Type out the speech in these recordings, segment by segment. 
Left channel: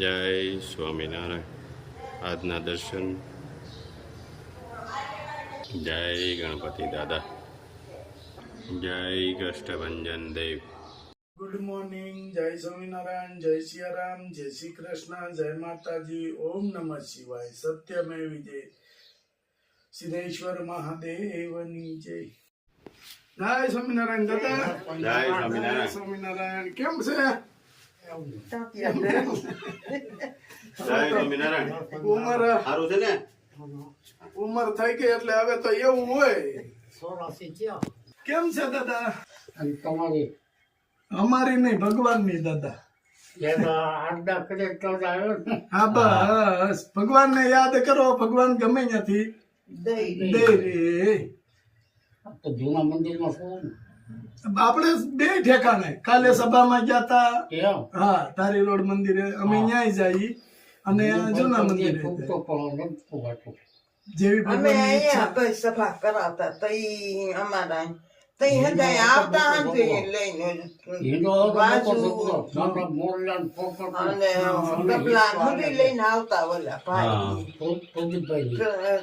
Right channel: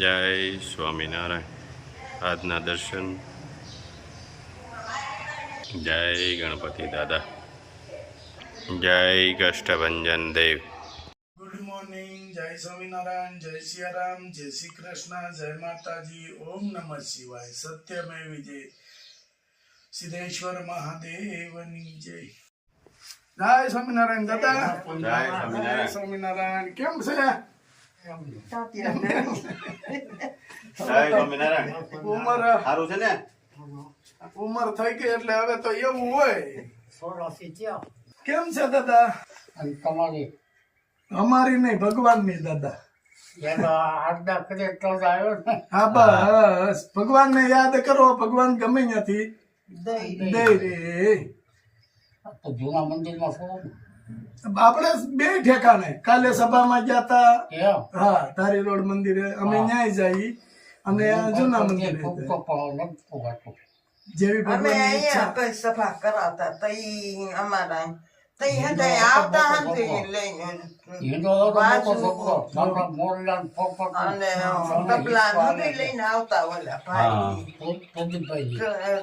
જય સ્વામિનારાયણ. આજના દર્શન. જય ગણપતિ દાદા. જય કષ્ટભંજન દેવ. Good morning. જય સ્વામિનારાયણ, જય સિયારામ, જય શ્રી કૃષ્ણ, જય માતાજી, ઓમ નમઃ શિવાય. સત્યમેવ વિજય. સિદ્ધેશ્વર મહાદેવની જય. જય સ્વામિનારાયણ દાદા. જય સ્વામિનારાયણ. જય સ્વામિનારાયણ. કેમ છે? જય સ્વામિનારાયણ. ઉંમર સારું છે ને? ઉંમર થઈ ગઈ એટલે હવે તો એવું હોય. કેમ છે દાદા? તમારી અમારી નહીં, ભગવાનની દાદા. આજ્ઞા કરે તો જ આવ્યો ને. હા બસ ભગવાનને યાદ કરો. ભગવાન ગમે ત્યાંથી દે રે. તો જૂના મંદિરમાં શું ને? આપણે બે ઠેકાણે કાલે સભામાં ગયા તા. એમ હા, ધારી રોડ મંદિરે અમે ન્યાય જઈ અને જૂના મંદિરે ફૂટતો પણ નમતું હતું. જેવી અમે ભગવાનની ઈચ્છા. અહીંયા કઈ સભા કરાતા તઈ અમારા તઈ હતા આવતા હતી લઈને હિન્દુ મોટો છોકરો નાના મોરલાન પોપટ અને તબલા નદી લઈને આવતા ઓલા ભાઈ પ્રદીપભાઈ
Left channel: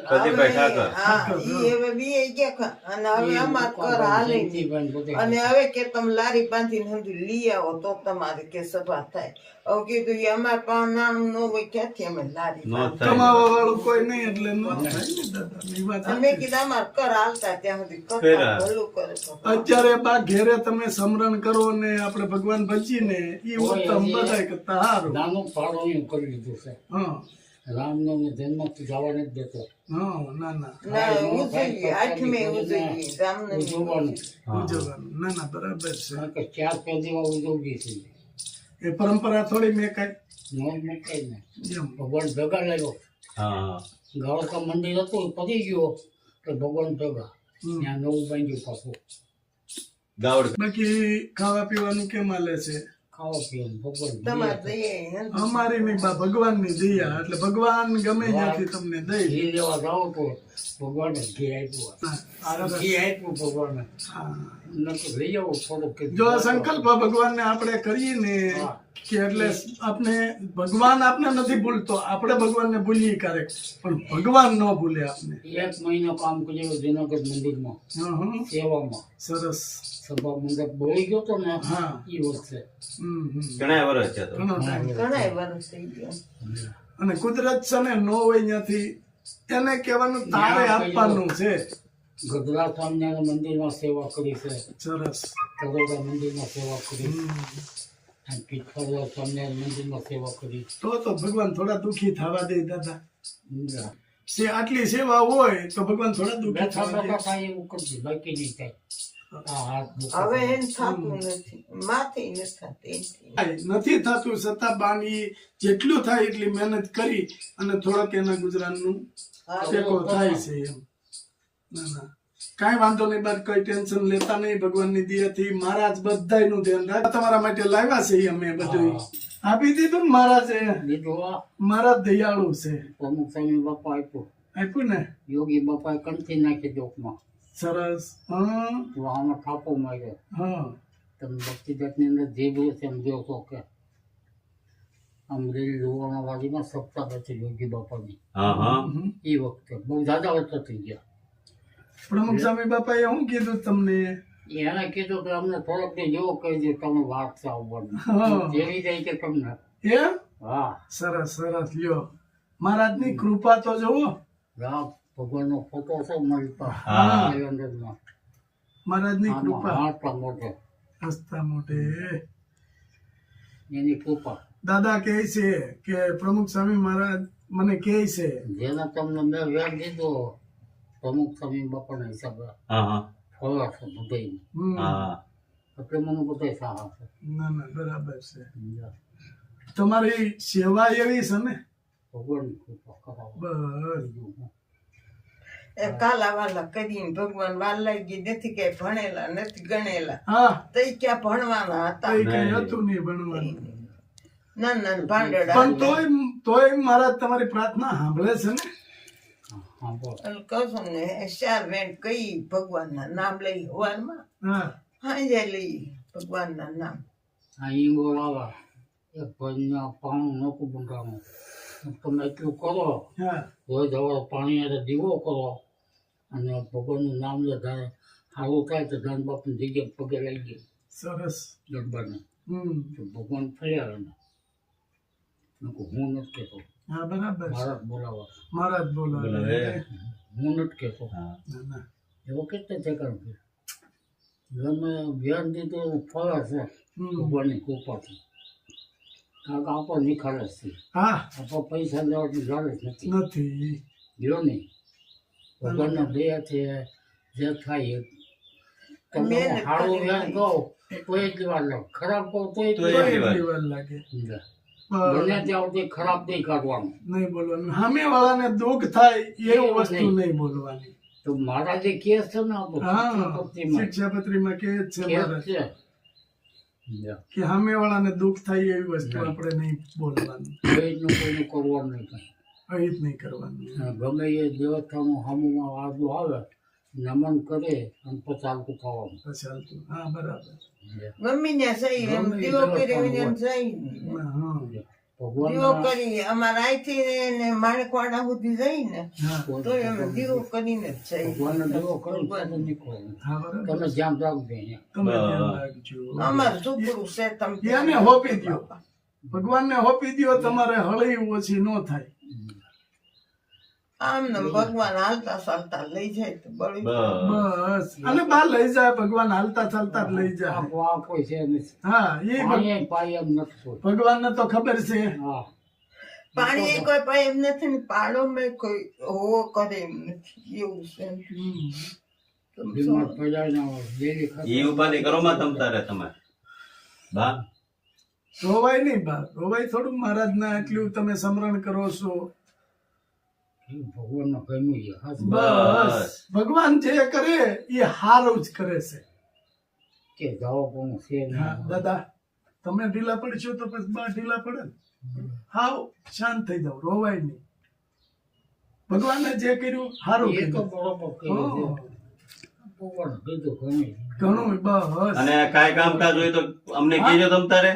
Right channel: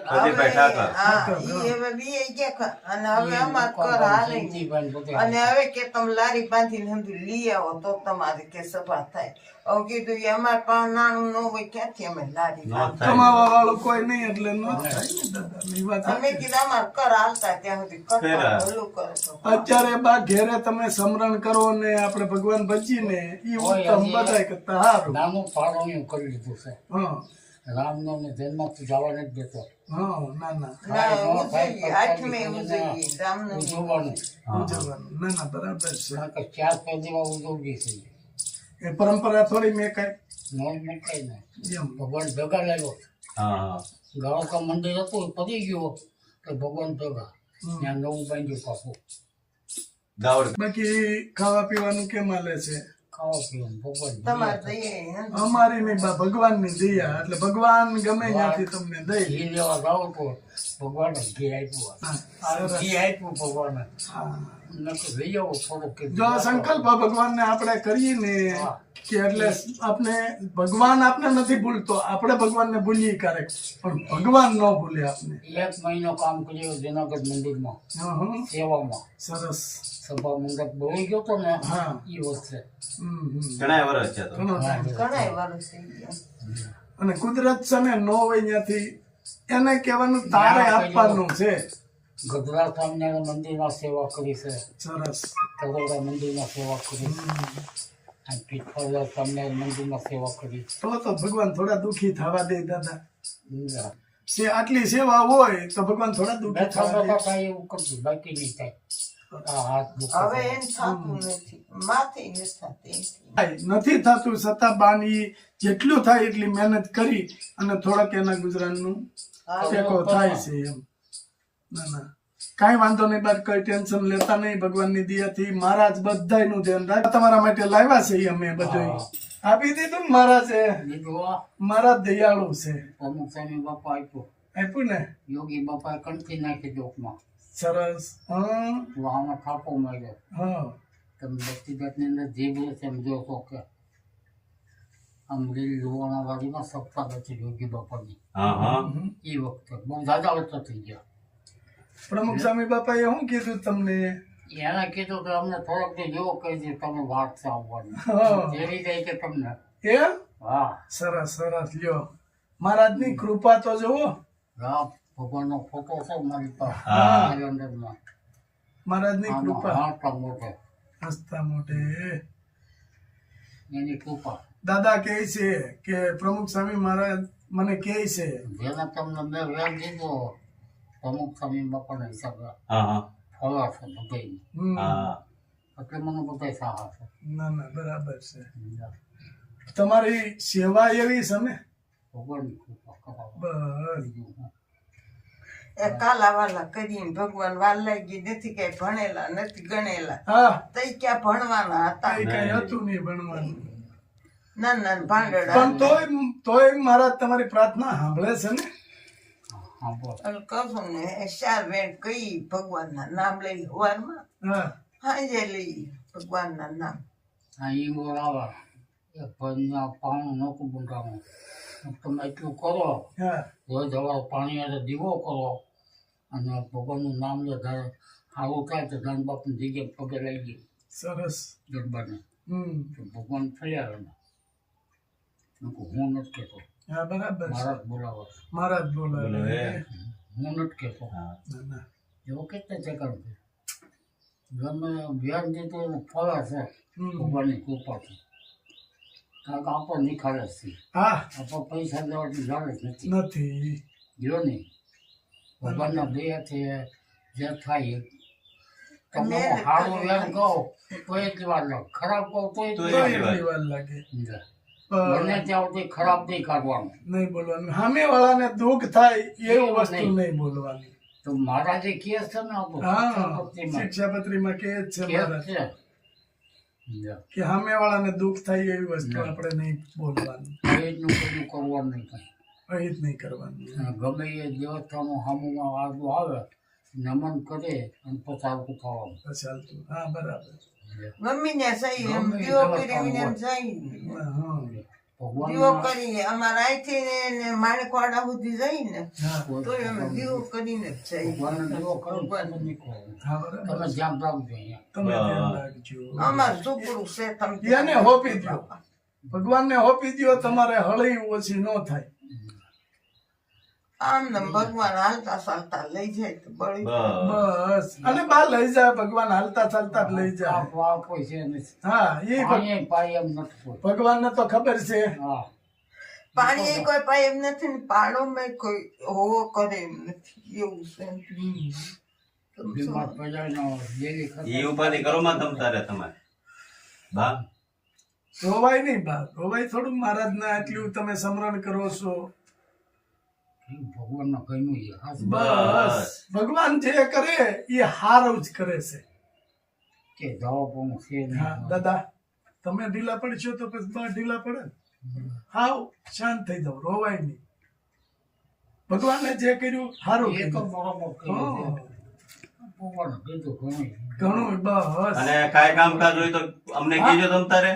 પ્રદીપભાઈ ઠાકર. હા ઈ હવે બી ગયા અને હવે અમાર કર હાલે અને અને હવે કે તમે લારી બાંધીને હંધુ લઈ આવો તો તમારે કે સભા થાય. હવે કીધું ઈ અમાર પાસે નાનું ન હોય ક્યાંથી અમે લારી નો બાંધીએ? થાય. કમાવા વાળું કોઈ નહીં એટલે ન થાય ને દાદા. ઈ વાત અમે સાચી. કીધું અમાર કર હાલતા ત્યાં સુધી ફેરા. કરતા ભલું કરે તો અત્યારે બા ઘેરે તમે સમરણ કરો ને આપણે ભગવાન ભજીને ઈ ઉત્તમ બધાય કરતા સારું. નાનું ફાળવણી કરી લીધું છે. હા રામનો જન્મ જવા નથી દેતો. હા ના ના ના ઉજવીએ આઠમે ઉજવીએ રામનવમી ઉજવવાનું ઉજવવાનું. ના ના બરાબર છે. કારણ કે 4 પેઢીમાં ઉજવવી છે. એ પરંપરા થોડી મેં કઈ નો મુકાય ને એમ ભગવાન ભેગા લેલો. હા. ગાળોકા મંદિર હતું એ પતી ગયો તો ભગવાન ભેગા ત્યાં નવું બાંધ્યું પાછું. દાવડ. બાકી ખાવા પીવાનું કેમ હાલે છે? ખાવા પીવાનું ભગવાન તમારે જોઈએ હે? અમારી ની બા ભગવાનની દયા એટલે ભગવાન ગમે ત્યાંથી તમને દઈ. ઘી લેવા જાઓ તો ભગવાન ઘી આપ્યું. ઘી આપ્યું ભગવાને. હા. નકર લઈ આવો થોડુંક કે જો આ સંકલ્પ ભગવાનને આપણે કરીએ ને કે એટલે આપણે ભગવાન આપણે નથી ભૂલતો, આપણે ભગવાનને ભૂલીએ ક્યારેક, પણ ભગવાન ન ભૂલે આપણે. 1 મહિનો કામ કર્યું જુનાગઢ મંદિરમાં હા, હા. સેવામાં. સરસ. સભા મંડપ બોલી ગયો તો ને હા. એ વખતે ઘણા વર્ષ છે તો. ઘણો time. ઘણાય વર્ષ થઈ ગયા. અને કુદરત છે ને નો હોય ત્યાંથી એને કહેવાનું તારે આપવાનું છે. ગઢડા સ્વામિનારાયણ મંદિરમાં સેવા કરી છે. સરસ. કરોડા મંદિરમાં સેવા કરી. અને પીઠોડા સ્વામિનારાયણ મંદિરમાં સેવા કરી. તો ભગવાન થોડા દુખી થવા દે દાદા. બેઠા આટલી સેવા હોય તો ભગવાન થોડા દુખી થવા દે. બેઠા થાય એવું કરતી બાકી નહીં થાય. આ હાથ દુખે. હવે એમ થતું નથી, માથે નથી થતી. નથી થતું છતાં બાની જેટલું થાય એટલી મહેનત કરી અને થોડાક એના ગુજરાતનું ટેકો થાય છે એમ. ના ના કાંઈ વાંધો નહીં બાદ કઈ ટેન્શન લેતા નહીં. ભગવાનની દયાથી મહારાજ બધાયનું ધ્યાન રાખ. તમારા માટે લાવ્યા છે ઈ અમે બધું આપી દીધું ને મહારાજે. બીજું આ મહારાજ દયાળુ છે. પ્રમુખ સ્વામી બાપા આપ્યું. આપ્યું ને? યોગી બાપાએ કંઠી નાખી ડોકમાં. સરસ. હા તો આમાં થાપો માર્યો. હા તમે ભક્તિગતની અંદર જે બી છે એમ જોશો કે અમરેલી લુવાણા વાડીમાં સપ્તાહ હતી યોગી બાપાની. હા હા. એ વખતે બહુ દાદા વર્ષો થઈ ગયા. પ્રમુખ સ્વામી બાપાએ શું કીધું તમને? એને કીધું કે અમને થોડોક જેવો કહી દે તમે વાત છે આવવાની. હા. જેવી જાય કે તમને. એમ? હા સરસ સરસ. લ્યો મહારાજની કૃપા તો જુઓ. રામ ભગવાનનો ફોટો છે મારી પાસે હા. કેલેન્ડરમાં. મહારાજની આમાં કૃપા હાથ મોટો હસતા મોટે. એની કૃપા. દાદા કહે છે કે પ્રમુખ સ્વામી મહારાજ મને કહે છે જેને તમને મેં વેર દીધો પ્રમુખ સ્વામી બાપાના હિસાબે હા હા. ફળા છે બધાય. હમ. હા. એટલે મને બધા સારા છે. ના ના બરાબર છે. તમારી સેવા એવી છે ને ભગવાનની કૃપા કરાવો. બસ. બીજું હું. એ કાલા વાલા કરીને ભગવાન વાલ લાગી નથી કઈ ભણેલા નથી ગણેલા. હા તઈ ક્યાં ભણવાના હતા? કઈ કઈ હતું નહીં ભણવાનું. નાના ભાંડડા પણ તોય મહારાજ તમારી પ્રાર્થના સાંભળે છે ને? હા બોલ. કહું ને 4 વેણ કઈ ભગવાનના નામ લઈ હવારમાં હા સાંજે લઈ ભગવાનના નામ. આ ઈંગોળ આવે એક ભાઈના પાણી નહોતું બંધાણું. તમે એટલું કરો, હા રોજ સવારે પાણી હારે દીવો કરો અને ભગવાનનું નામ લે. ત્યારે સારું થાય તો ધન બાપની જગ્યાએ પગે લઈ ગઈ સરસ ગરબાને. હમ તો ભગવાન ફર્યા એને. હું નથી કહેતો, હા બરાબર છે. મારા જ બોલાવા. મારા જ બોલાવે બોલાવે. હું નથી કહેતો. હા. ના, ના. એવો કેટલા ચક્કર છે. ગમે વ્યાજ દીધું એનું ફળે છે હમ. ભગવાનની કૃપાથી. કારણ કે આપણો નિખાલસ છે. હા આપણો પૈસા લેવાની જરૂર જ નથી. નથી જો નહીં, ભગવાનના દયાથી જે થાય એ. તમને મહેનત હું સારું કરી વ્યાજ ખાઈ. કહું તો એટલી વાર લાગે, ખરાબ કહું તો તો તો એટલી વાર. એટલી વાર લાગે સમજ્યા? પણ બને ત્યાં સુધી ખરાબ નહીં કાઢવાનું. નહીં બોલવાનું સામે વાળાને દુઃખ થાય એવું એવું વસ્તુ નહીં. નહીં બોલવાની તો મારા જે કેસ છે ને આપણું હા શિક્ષાપત્રીમાં શિક્ષાપત્રીમાં કે જ છે કેસ મહારાજ છે. સમજ્યા? કે સામે વાળાને દુઃખ થાય એવી વસ્તુ આપણે નહીં બોલવાનું કોઈનું કોઈનું કરવાનું નહીં કાંઈ. અહીં જ નહીં કરવાનું અને ગમે એ દેવતાનું સામુમાં વાદો આવે, નમન કરે અને પચારતું થવાનું. તો ચાલતું હા બરાબર સમજ્યા? ગમે ને સહી એમ ગમે દીવો એવા કરી કામ એમ હોય. જઈ હા ભગવાનના દીવો કરી અમારા અહીંથી ને માણેકવાડા સુધી જઈને હા તો અમે દીવો કરીને જ જઈએ. ભગવાનનો દીવો કરો ને તમે નીકળો. હા બરાબર તમે ધ્યાન રાખજો અહીંયા. તમે ધ્યાન રાખજો અમારું સુપડું છે તમે એને હોપી દ્યો ભગવાનને હોપી દ્યો તમારે હળી ઓછી ન થાય આમ ને ભગવાન હાલતા ચાલતા લઈ જાય તો બળી જાય. બસ. બસ અને બા લઈ જાય ભગવાન હાલતા ચાલતા જ લઈ જાય આ કોઈ છે નહીં. હા એ પાણી પાય એમ નથી કોઈ. ભગવાનને તો ખબર છે હા. પાણી એ કોઈ પાસે એમ નથી ને પાડોમાં કોઈ હોવો કરે એમ નથી એવું છે. હમ. તમે બીમાર સમજો. પડ્યા ને જેવી ખબર. ઈ ઉપાધિ કરો માં તમ તારે તમારે બા રોવાય નહીં બા રોવાય થોડું મહારાજના એટલું તમે સમરણ કરો છો ભગવાનનો ગમ્યું છે. હાથ બસ ભગવાન જે કરે એ હારું જ કરે છે કે જવાબ છે નહીં. હા દાદા તમે ઢીલા પડશો તો પછી બા ઢીલા પડે ને હાવ શાંત થઈ જાવ રોવાય નહીં ભગવાને જે કર્યું હારું એ તો કર્યું બરોબર કર્યું છે. હા, ભગવાને કીધું ઘણું. ઘણું બસ અને કાંઈ કામકાજ હોય તો અમને કહેજો તમ તારે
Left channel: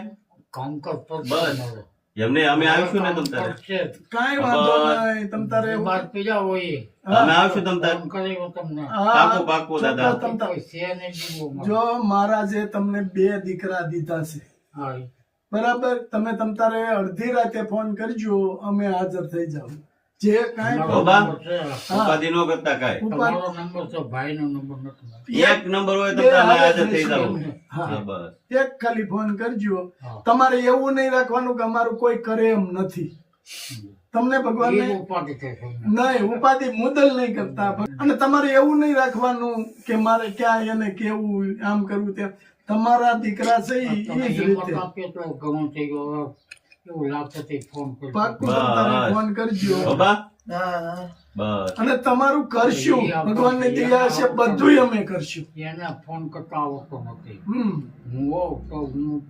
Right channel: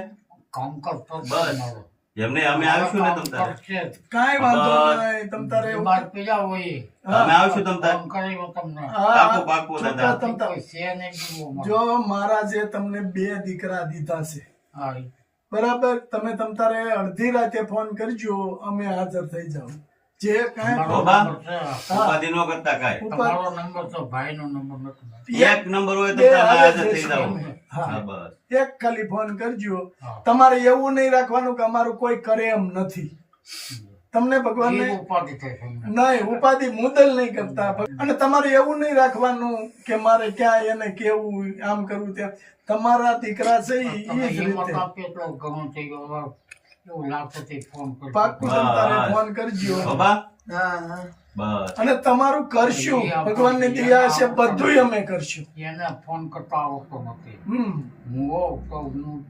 કામકાજ તો બસ. મારો. એમને અમે આવશું ને તમ તારે કરશે જ. કાંઈ વાંધો બસ. નહીં તમ તારે બીમાર પડ્યા હોય અમે આવશું તમ તારે કામ કર્યું તમને. હા, પાકું પાકું દાદા ચોક્કસ તમ તારે. કોઈ છે નહીં જીવોમાં. જો મહારાજે તમને 2 દીકરા દીધા છે હા, બરાબર તમે તમ તારે અડધી રાતે ફોન કરજો અમે હાજર થઈ જાવ જે કાંઈ તમારો બાબા. નંબર છે. ઉપાધિ ન કરતા કાંઈ ઉપર તમારો નંબર તો ભાઈનો નંબર નથી. એક નંબર હોય તો બે તમે હાજર થઈ હાજર જાવ થઈ હા. હા બસ એક ખાલી ફોન કરજો હા. તમારે એવું નહીં રાખવાનું કે અમારું કોઈ કરે એમ નથી તમને ભગવાનને એ ઉપાધિ થાય છે. નહીં ઉપાધિ મુદલ નહીં કરતા અને તમારે એવું નહીં રાખવાનું કે મારે ક્યાં એને કેવું આમ કરવું તેમ તમારા દીકરા છે ઈ તમે ઈ જ હિંમત રીતે આપીએ તો ઘણું થઈ ગયું. હવે એવું લાગશે તે ફોન કરજો. પાક્કું તમારે બસ. ફોન કરજો બાબા હા હા. બસ અને તમારું કરશું ભગવાનની દયા છે બધું અમે કરશું એને ફોન કરતા આવડતો નથી. હમ હું હોઉં તો હું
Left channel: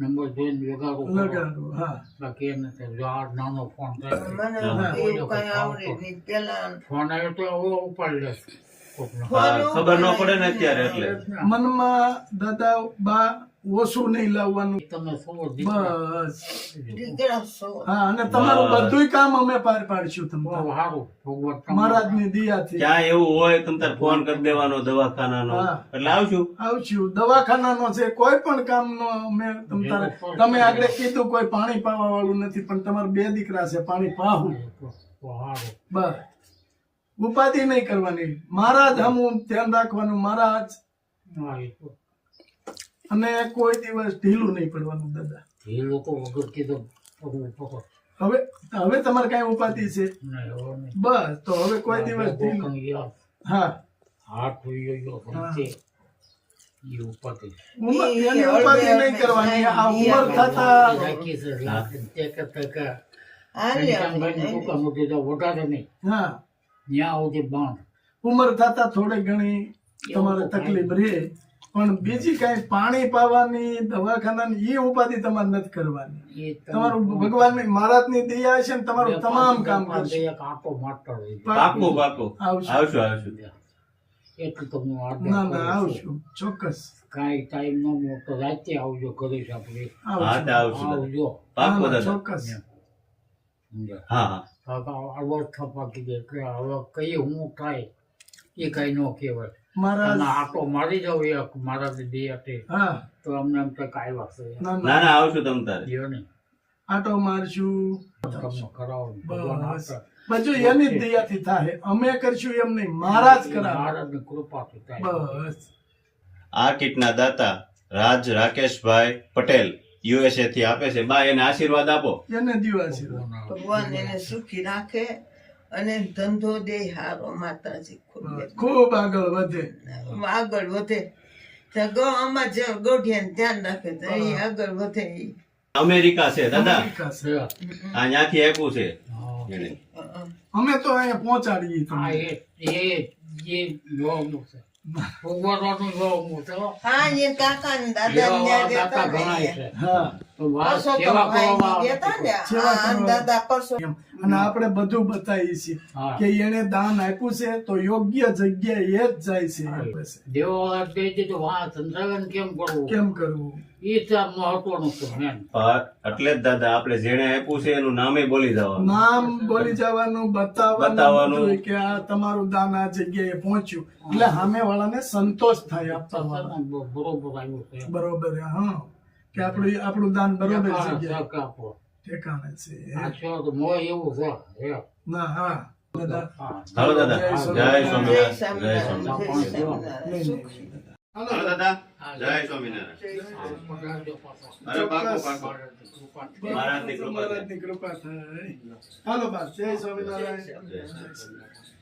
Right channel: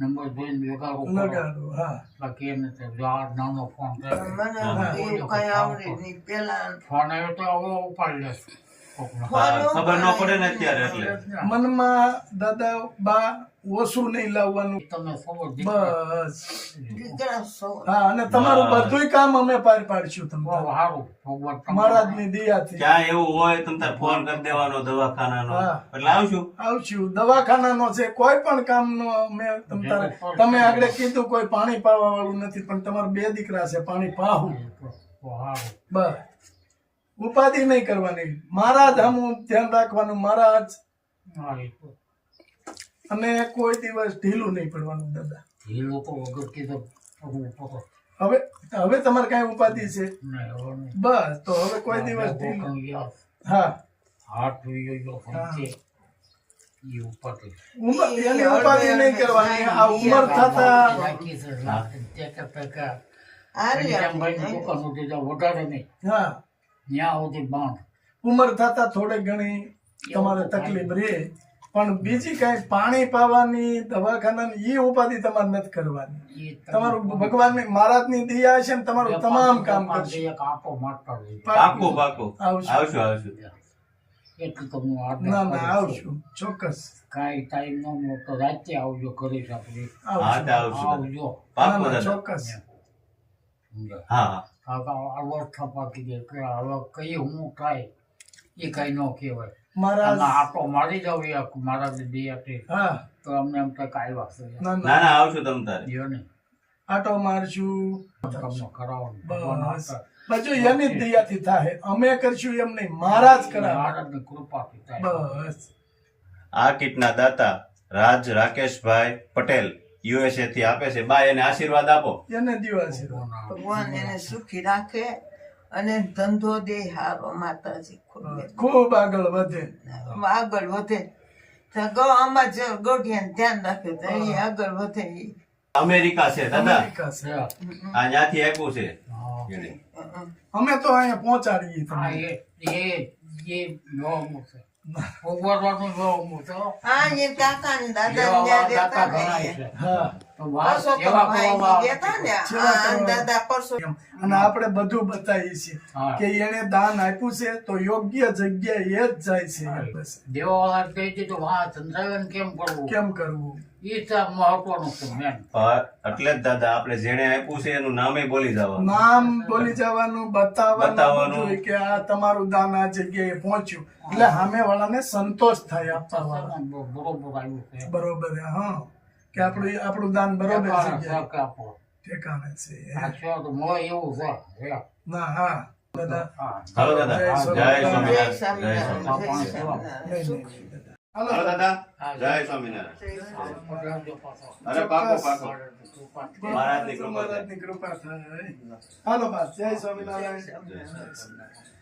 નંબર જોઈને વેગારો કરો. લગાડો હા બાકી એને તો જો આ નાનો ફોન થાય. મને હા. એવું કઈ આવડે નહીં પેલા ફોન આવ્યો તો હવે ઉપાડી લેશે કોકનો. હા, ખબર ન પડે ને અત્યારે એટલે મનમાં દાદા બા ઓછું નહીં લાવવાનું તમે સૌ દીકરા. બસ દીકરા સો હા અને તમારું બસ. બધું કામ અમે પાર પાડશું બહુ તમને સારું. ભગવાન તમારું. મહારાજની દયાથી ક્યાં એવું હોય તમ તારે ફોન કરી દેવાનો દવાખાનાનો હા. એટલે આવશું આવશું દવાખાનાનો છે કોઈ પણ કામનો અમે તમે આગળ કીધું કોઈ પાણી પાવા વાળું નથી પણ તમારા 2 દીકરા છે પાણી પાવું બહુ સારું. બસ ઉપાધિ નહીં કરવાની મહારાજ હમું ધ્યાન રાખવાનું મહારાજ હા, એ તો. અને કોઈ દિવસ ઢીલું નહીં પડવાનું દાદા એ લોકો વગર કીધું પગલું પકડ. હવે હવે તમારે કઈ ઉપાધિ છે નહીં, હવે નહીં. બસ તો હવે કોઈ દિવસ ઢીલું પણ યાર, હા હાથ ધોઈ ગયો સમજે. એ ઉપાધિ. એની ઉપાધિ નહીં કરવાની આ ઉંમર થતા રાખી છે, લાખ, ટેકા પેકા. હાલ્યા ઘનશ્યામભાઈની દુકાન સુધી તો વધારે નહીં. હા ત્યાં સુધી બાંધ. ઉંમર થતા થોડી ઘણી તમારે તકલીફ રહે પણ બીજી કઈ પાણી પાવાની દવાખાનાની ઈ ઉપાધિ તમારે નથી કરવાની એ તમે તમારું ભગવાનની મહારાજની દયા છે ને તમારું તમામ કામ કરશે એક આંટો મારતા રહેજો. પાકું પાકું આવશું આવશું આવશું એટલું તો હું આગ્રહ ના કરું ના છું. આવશું ચોક્કસ કાંઈ ટાઈમ ન મળે તો રાતે આવજો ઘરે આપણે હા તે આવશું દાદા. આવજો પાક્કું દાદા. ચોક્કસ સમજ્યા? હા હા આવડ થપાકી દે કે હવે કઈ હું થાય એ કઈ ન કહેવાય. અને મારા આટો મારી જાવ એક મારા બે હતી હા તો અમને એમ થાય કાંઈ વાગશે ના ના ના ના આવશું તમ તારે. દિયો ને આટો મારશું કામ કરાવો ભગવાન બસ આપે. બધું એની જ દયાથી થાય અમે કરશું એમ નહીં મહારાજ કરાવે મહારાજની કૃપાથી થાય. બસ આ કીટના દાતા રાજ રાકેશભાઈ પટેલ USA થી આપે છે. બા એને આશીર્વાદ આપો. એને દિવસ ભગવાન એને સુખી રાખે અને ધંધો દે હારો માતાજી ખોલે ખૂબ આગળ વધે આગળ વધે તો આમાં જે ગોઢિયાને ધ્યાન રાખે તો એ આગળ વધે ઈ. અમેરિકા છે દાદા. વિકાસ. છે. આ ત્યાંથી આપ્યું છે હા. એને. અમે તો અહીંયા પહોંચાડીએ આ તમને. એ જોવાનું છે ભગવાનનું જોવાનું છે. હા એ કાકા ને દાદા ને ત્યાં દાતા જતા ઘણાય ને છે. હા તો વાત પરસોત્તમ સેવા ભાઈ કરવા ની જતા ને સેવા આ કરવા. દાદા પરસો એમ. અને આપણે બધું બતાવીએ છીએ હા. કે એને દાન આપ્યું છે તો યોગ્ય જગ્યાએ જ જાય છે બસ. દેવા કહી દીધું હા સંચાલન કેમ કરવું કેમ કરવું એ તો મહત્વનું છે મેન. એટલે જ દાદા આપણે જેને આપ્યું છે એનું નામે બોલી જવાનું. નામ બોલી જવાનું બતાવવાનું. બતાવવાનું બધું કે આ તમારું દાન આ જગ્યાએ પહોંચ્યું એટલે સામે વાળાને સંતોષ થાય આપવા વાળા. બરોબર આવ્યું છે. બરોબર હા કે આપણું દાન બરોબર જગ્યાએ સહક આપો. ઠેકાણે છે આ છે તો મોય એવું છે હે. ના હા દાદા હા. હાલો દાદા. જય જય સ્વામિનારાયણ. સ્વામિનારાયણ. જય સ્વામિનારાયણ સ્વામિનારાયણ. જય સ્વામિનારાયણ સુખ હાલો હાલો દાદા. હા, જય સ્વામિનારાયણ. પકડાવજો પાછો. અરે પાકો ચોક્કસ. પાકો. મહારાજની કૃપા થાય. મહારાજની કૃપા થાય હાલો બસ જય સ્વામિનારાયણ જય સ્વામિનારાયણ.